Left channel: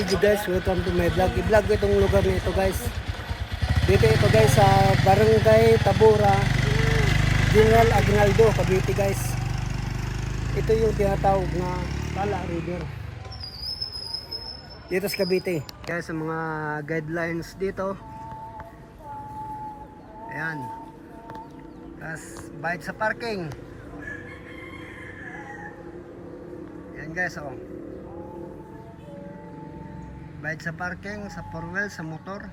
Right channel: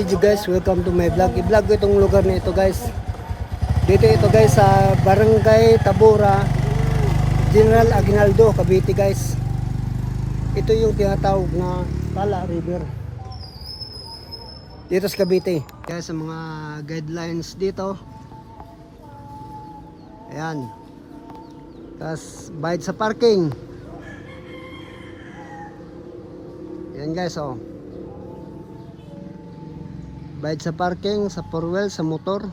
video guys, welcome to my vlog. I-vlog ko itong lugar na ito guys. Dito ito guys sa Barangay Tabora, General Aguinaldo, Cavite guys. Ito yung tinatawag na Tala River dito sa Cavite. Kaya sa mga guidelines dito, ayan, tapos bayad sa parking. Ayan guys, oh, bayad sa parking, sa four wheel, sa motor.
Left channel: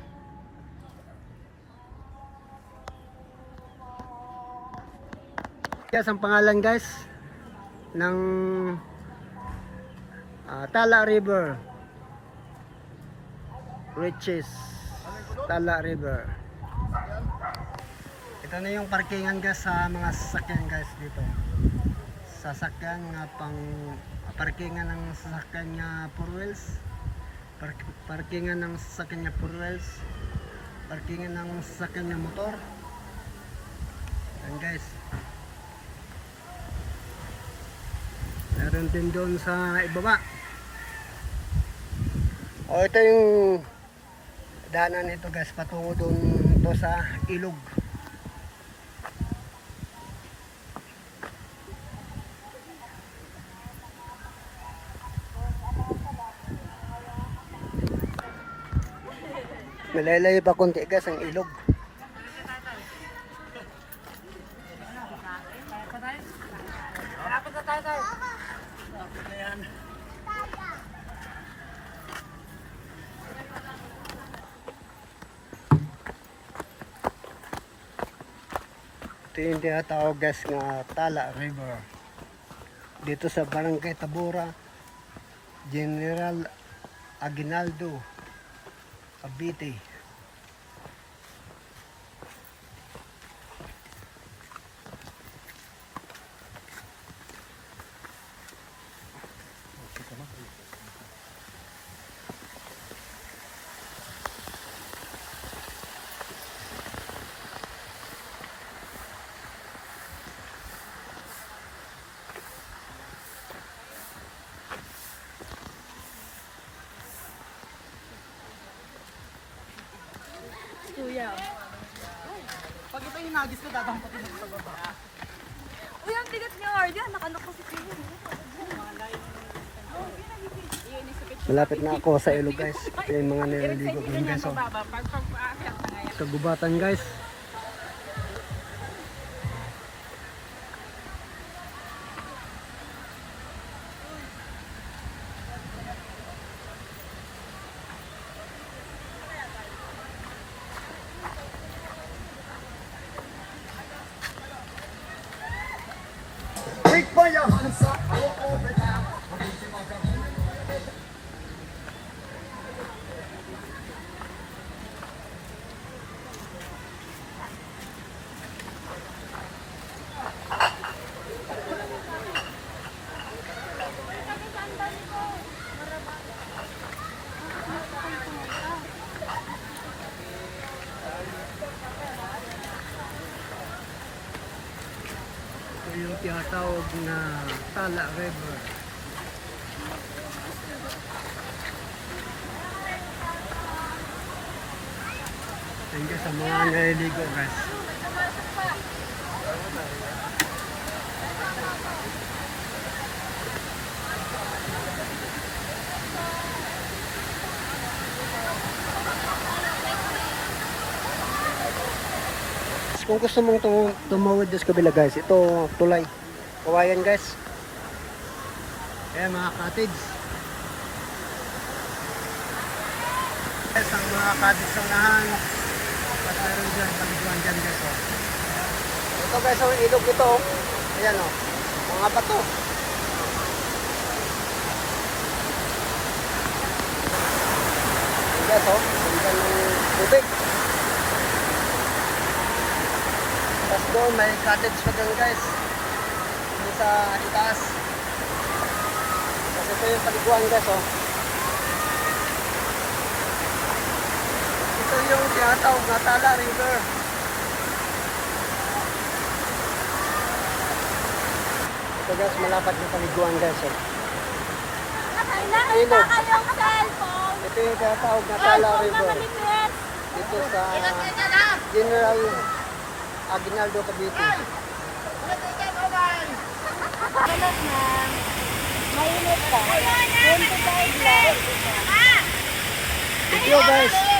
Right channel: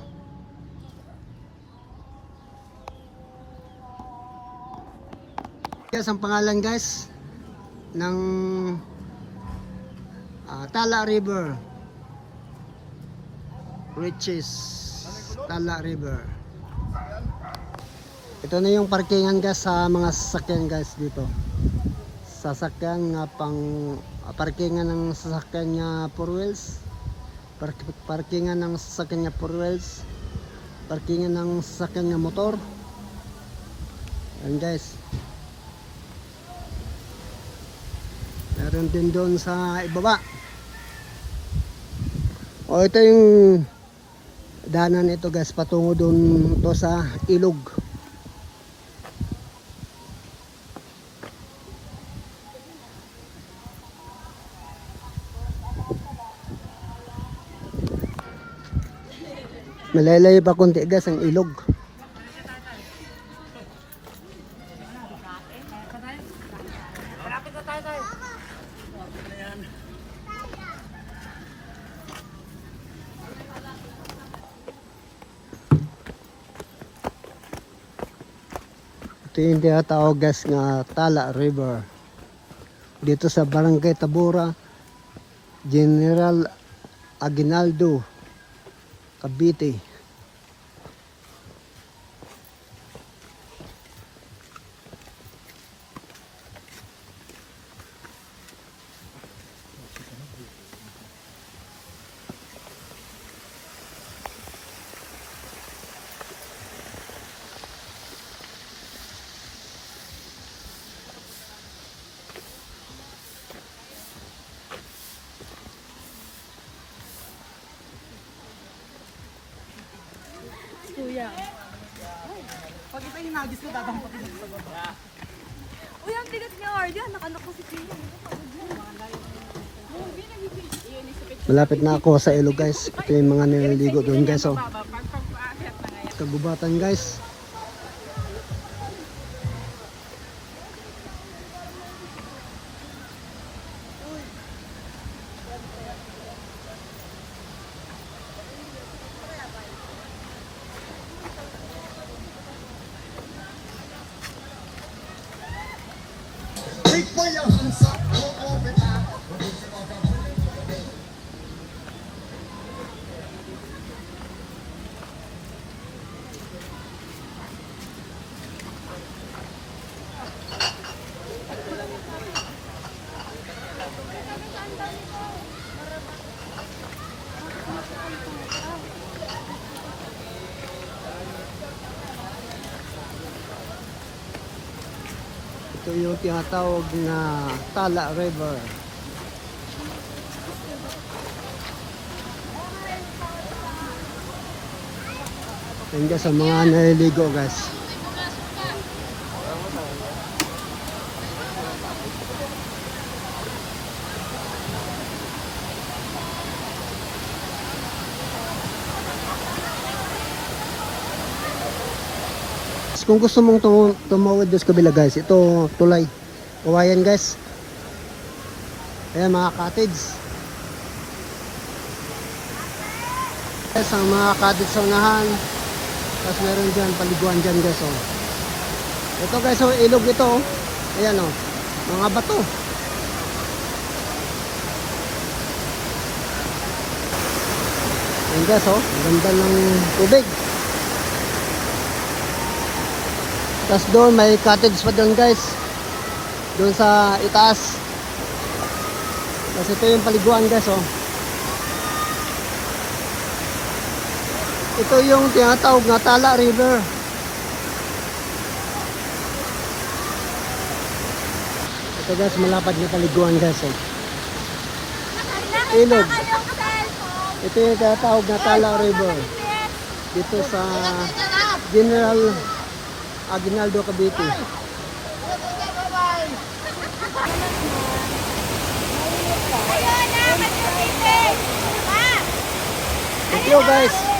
Yes, ang pangalan guys ng Tala River, Riches Tala River. Ito na yung parkingan guys sa mga sasakyan guys dito. Sasakyan nga pang parkingan ng sasakyan niya four wheels. Parkingan ng sasakyan niya four wheels. Parkingan ng sasakyan niya motor. Yan guys. Meron din doon sa ibaba. O ito yung daanan ito guys, patungo doon to sa ilog. Malaylay pa konti guys ang ilog. Ito yung tinatawag guys nga Tala River dito sa Barangay Tabora, General Aguinaldo, Cavite. Kuya. Pag ito hinagis ko, dadampatin ako sa baba. Uy, ang tigat niya, Ardia. Nakanak ko si Kuya. Malapit na ako sa ilog guys. Ito yung mga nililigo doon guys. Oh. Kagubatan guys. Ito yung tinatawag na Tala River. Yan guys, sa mga naliligo guys. Kung gusto mong tumawid sa kabila guys, ito tulay. Kawayan guys. Ayan mga cottage. Guys, ang mga cottage sa unahan. Tapos meron dyan, paliguan dyan guys. Oh. Ito guys, ang ilog ito. Oh. Ayan o. Oh. Mga bato. Ayan guys o. Oh. Ayan yung tubig. Tapos doon may cottage pa doon guys. Doon sa itaas. Tapos ito yung paliguan guys. Oh. Ito yung tinatawag na Tala River. So guys, mga paliguan guys. Nakailangan pa kayong cellphone. Ito yung tatawag na Tana River. Dito sa General Aguinaldo, Cavite. Thank you guys.